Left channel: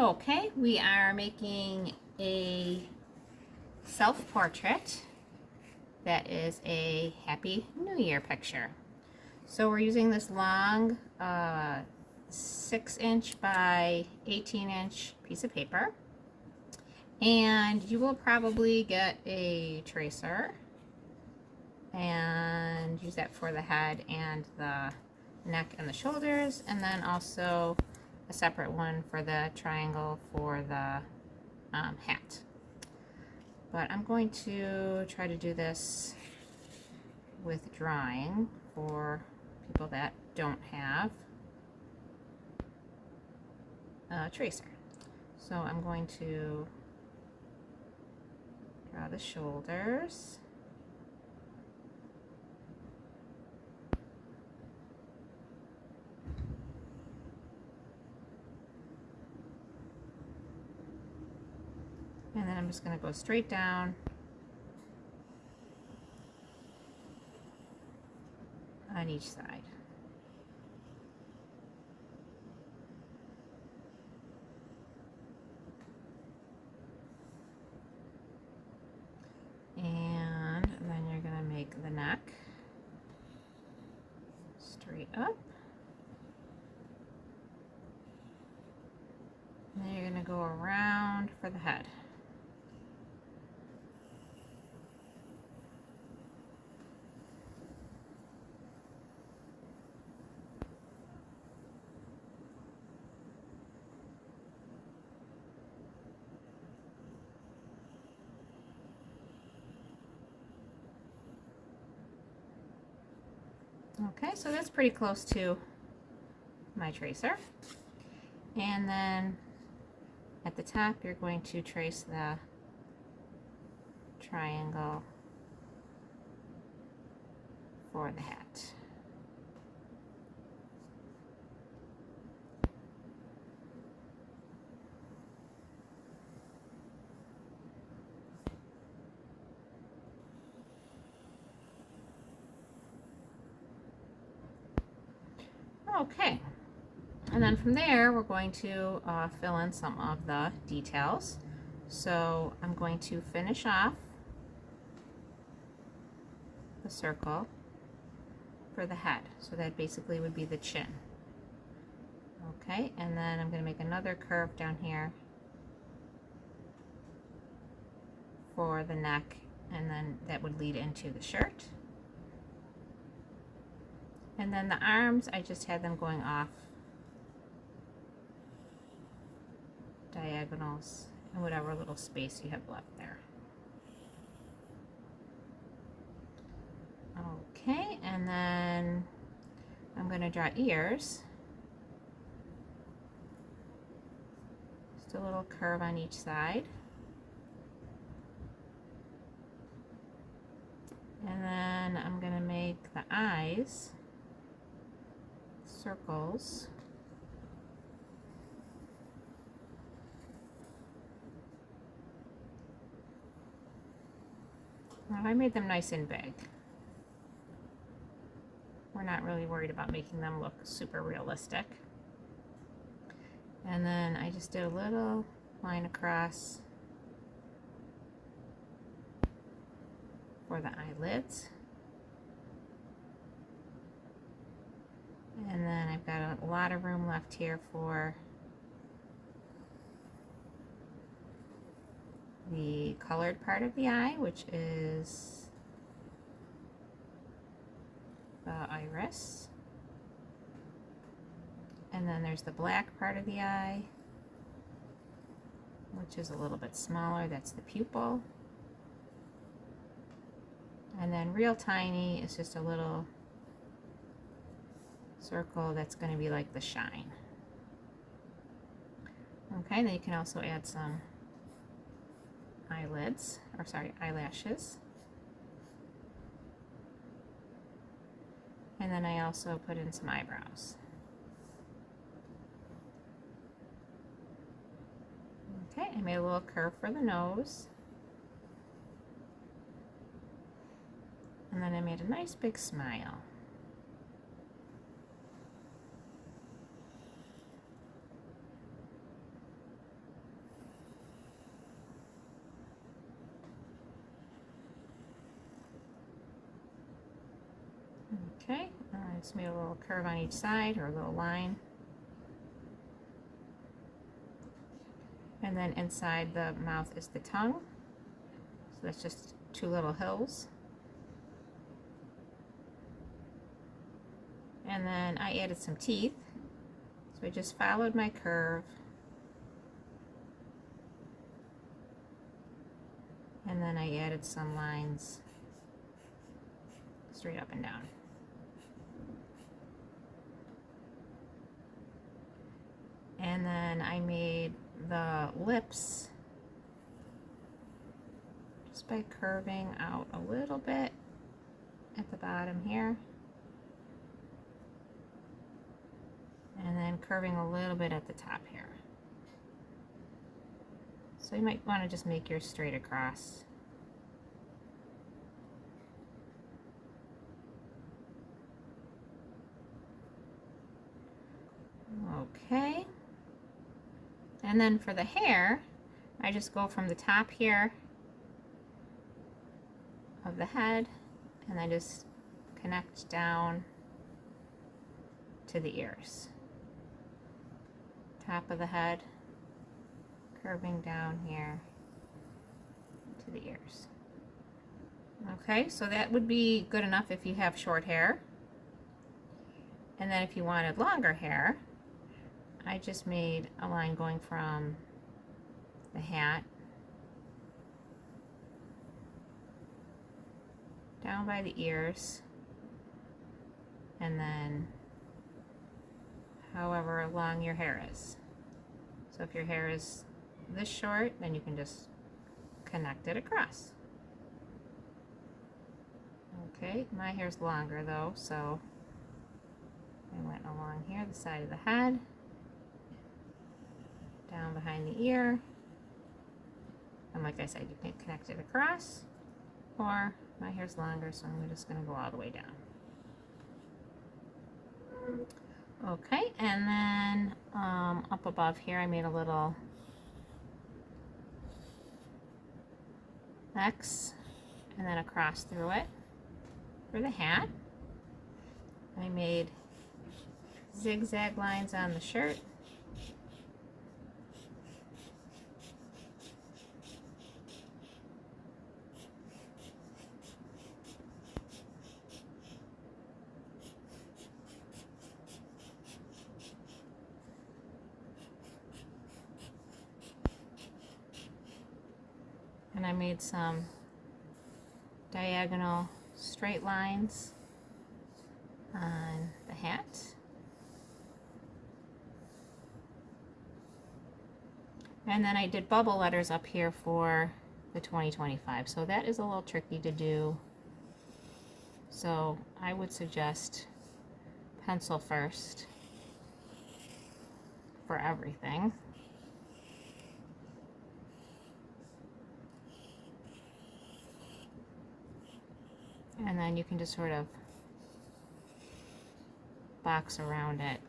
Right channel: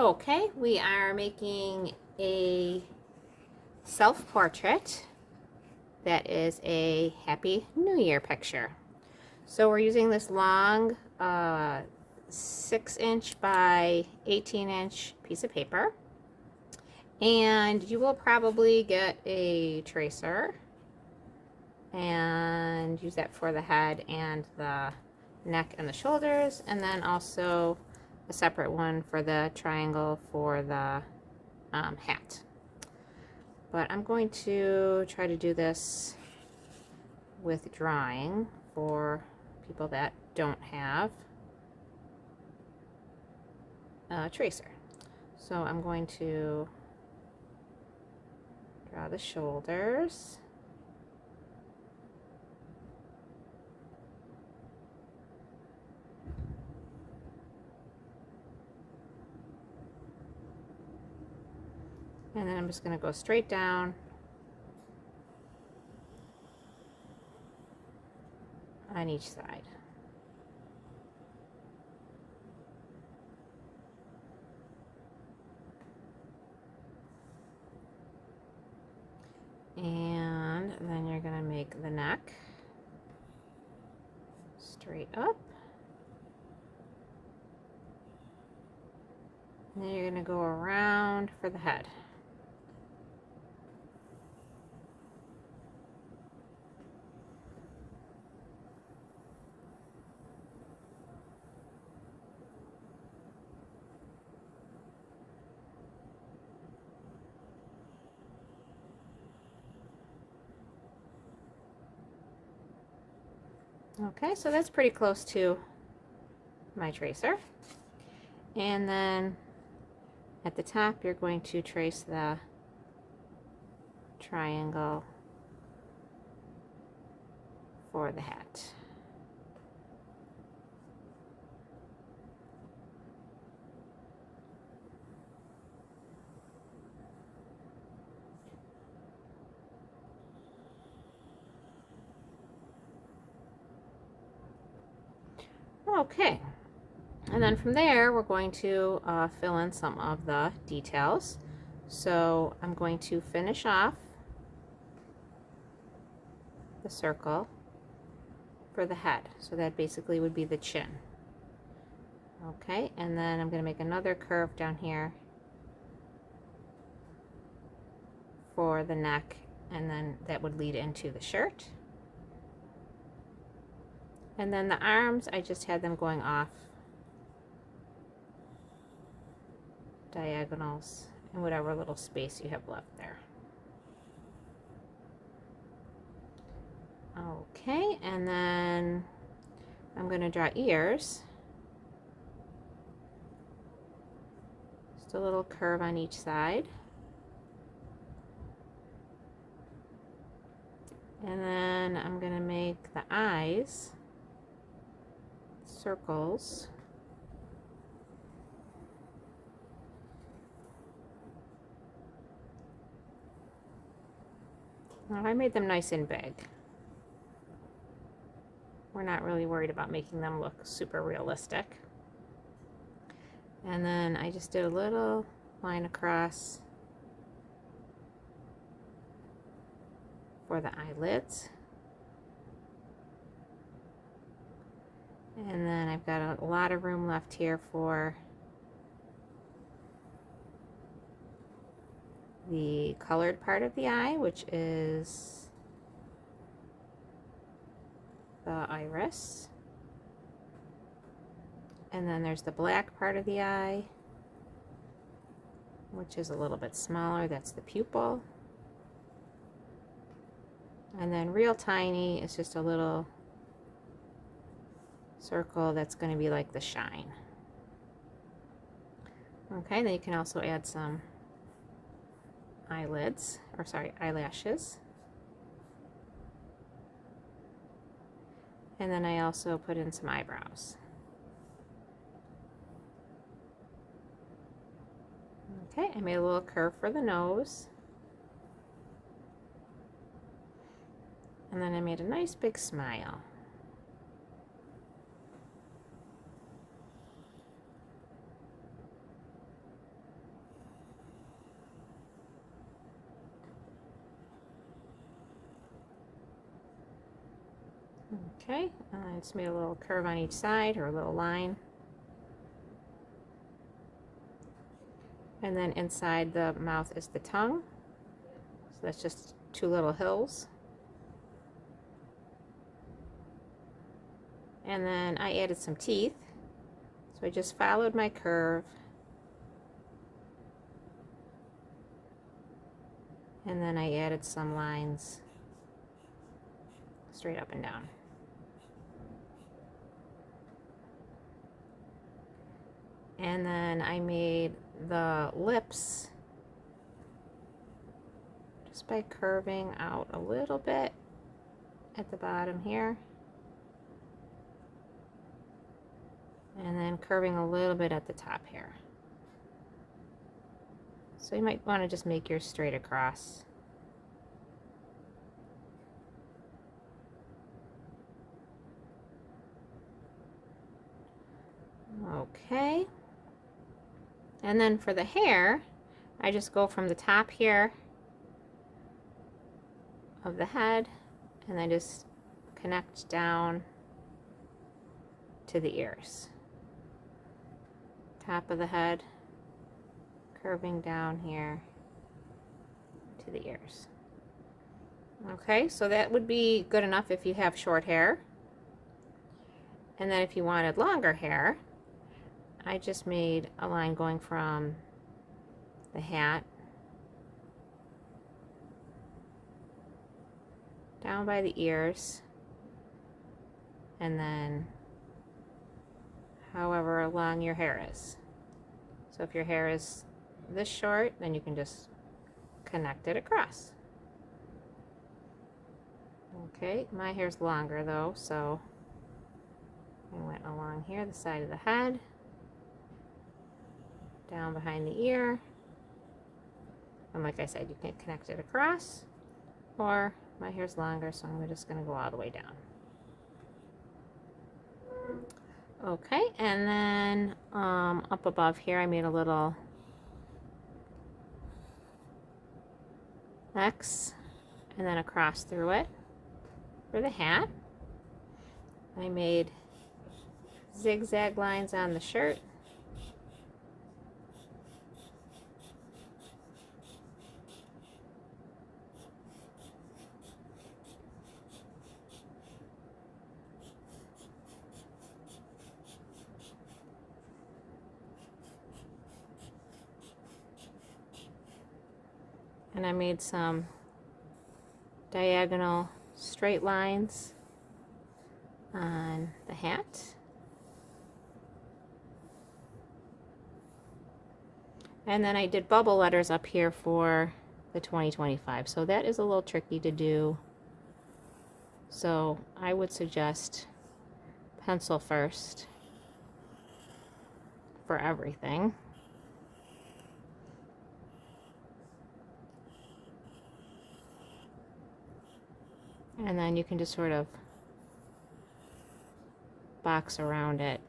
Okay, we are making a self-portrait that is a Happy New Year picture. So we're using this long 6-inch by 18-inch piece of paper. And you will probably get a tracer and use that for the head and the neck and the shoulders, and then also a separate one for the triangle for the hat. But I'm going to try to do this with drawing for people that don't have a tracer. So I'm going to draw the shoulders. And then I'm just going to go straight down on each side. And then you're going to make the neck straight up. And then you're going to go around for the head. Okay, so that's pretty close to my tracer. And then at the top, you're going to trace the triangle for the hat. Okay, and then from there we're going to fill in some of the details. So I'm going to finish off the circle for the head. So that basically would be the chin. Okay, and then I'm going to make another curve down here for the neck, and then that would lead into the shirt. And then the arms, I just had them going off diagonals in whatever little space you have left there. Okay, and then I'm going to draw ears. Just a little curve on each side. And then I'm going to make the eyes circles. Now I made them nice and big. We're not really worried about making them look super realistic. And then I just did a little line across for the eyelids. And then I've got a lot of room left here for the colored part of the eye, which is the iris. And then there's the black part of the eye, which is a little bit smaller. That's the pupil. And then real tiny is just a little circle that's going to be like the shine. Okay, then you can also add some eyelids, or sorry, eyelashes. And then I also put in some eyebrows. Okay, I made a little curve for the nose. And then I made a nice big smile. Okay, I just made a little curve on each side, or a little line. And then inside the mouth is the tongue. So that's just two little hills. And then I added some teeth. So I just followed my curve. And then I added some lines straight up and down. And then I made the lips just by curving out a little bit at the bottom here. And then curving a little bit at the top here. So you might want to just make yours straight across. Okay. And then for the hair, I just go from the top here of the head and then just connect down to the ears. Top of the head, curving down here to the ears. Okay, so that would be good enough if you have short hair. And then if you wanted longer hair, I just made a line going from the hat down by the ears, and then however long your hair is. So if your hair is this short, then you can just connect it across. Okay, my hair's longer though, so I went along here, the side of the head, down behind the ear, and like I said, you can connect it across, or my hair's longer, so I'm just going to go all the way down. Okay, and then up above here I made a little X and then across through it for the hat. I made zigzag lines on the shirt. And I made some diagonal straight lines on the hat. And then I did bubble letters up here for the 2025. So that is a little tricky to do. So I would suggest pencil first for everything. And then you can just sort of box around it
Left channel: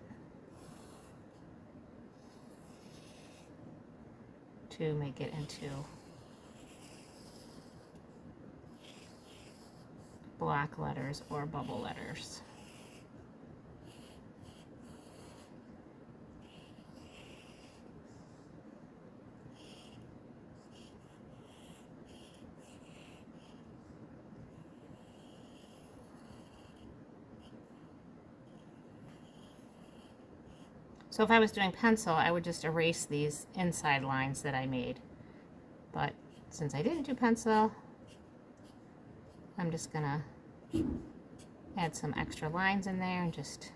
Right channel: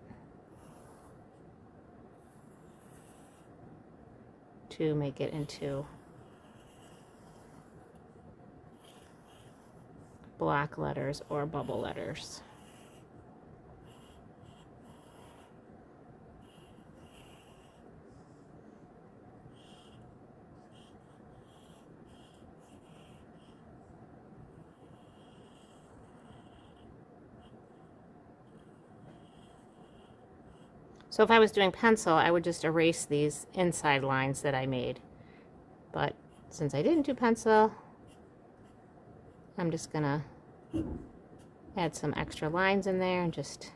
to make it into block letters or bubble letters. So if I was doing pencil, I would just erase these inside lines that I made. But since I didn't do pencil, I'm just gonna add some extra lines in there and just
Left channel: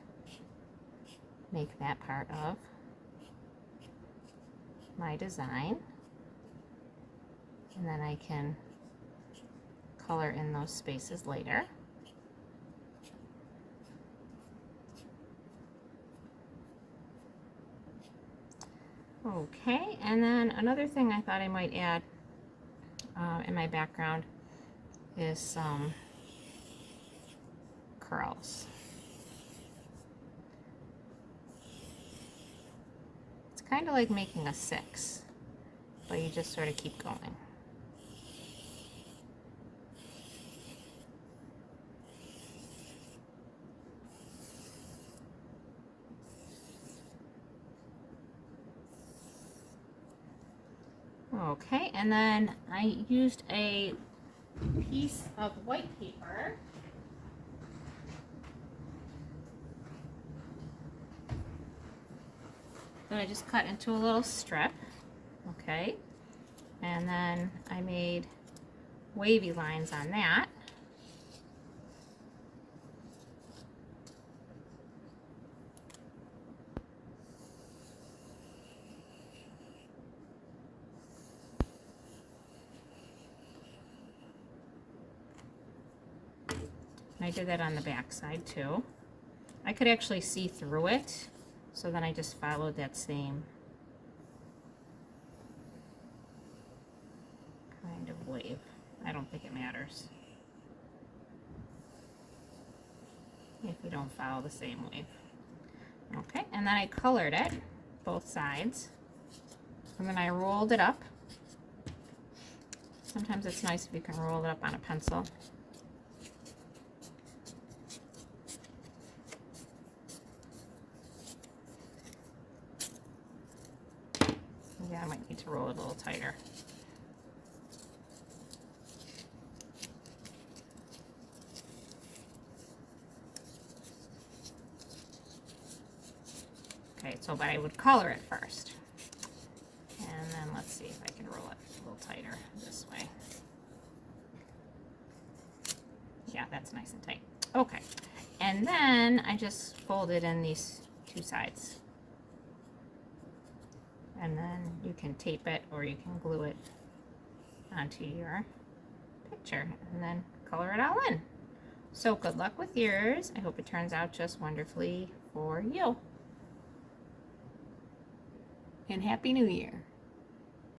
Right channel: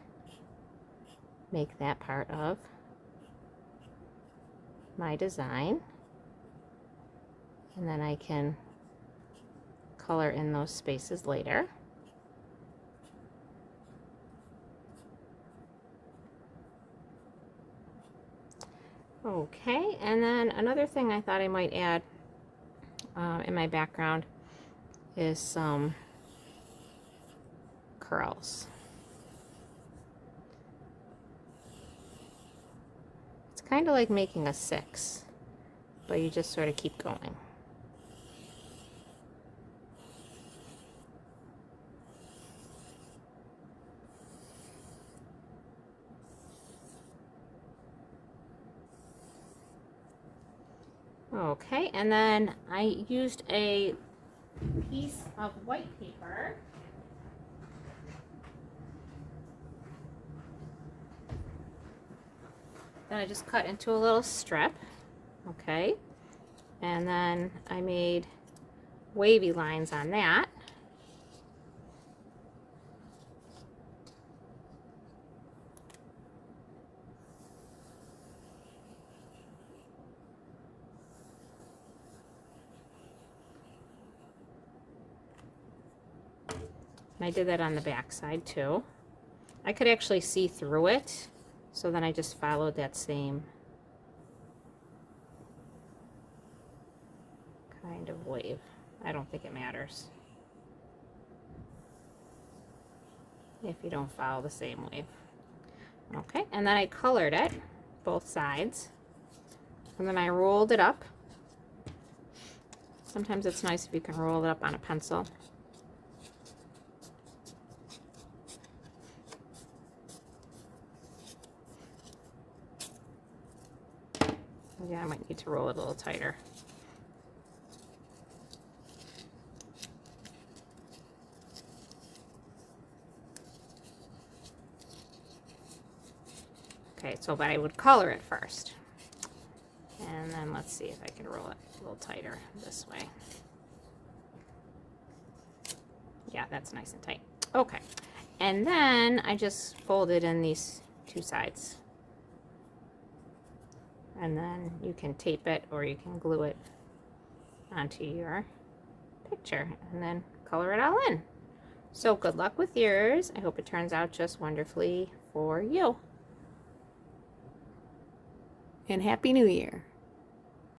make that part of my design. And then I can color in those spaces later. Okay, and then another thing I thought I might add in my background is some curls. It's kind of like making a 6, but you just sort of keep going. Okay, and then I used a piece of white paper. That I just cut into a little strip. Okay, and then I made wavy lines on that. And I did that on the back side too. I could actually see through it, so then I just followed that same kind of wave. I don't think it matters if you don't follow the same wave. Okay, and then I colored it, both sides, and then I rolled it up. Sometimes it's nice if you can roll it up on a pencil. Yeah, I might need to roll it a little tighter. Okay, so but I would color it first. And then let's see if I can roll it a little tighter this way. Yeah, that's nice and tight. Okay, and then I just folded in these two sides. And then you can tape it or you can glue it onto your picture and then color it all in. So good luck with yours. I hope it turns out just wonderfully for you. And Happy New Year.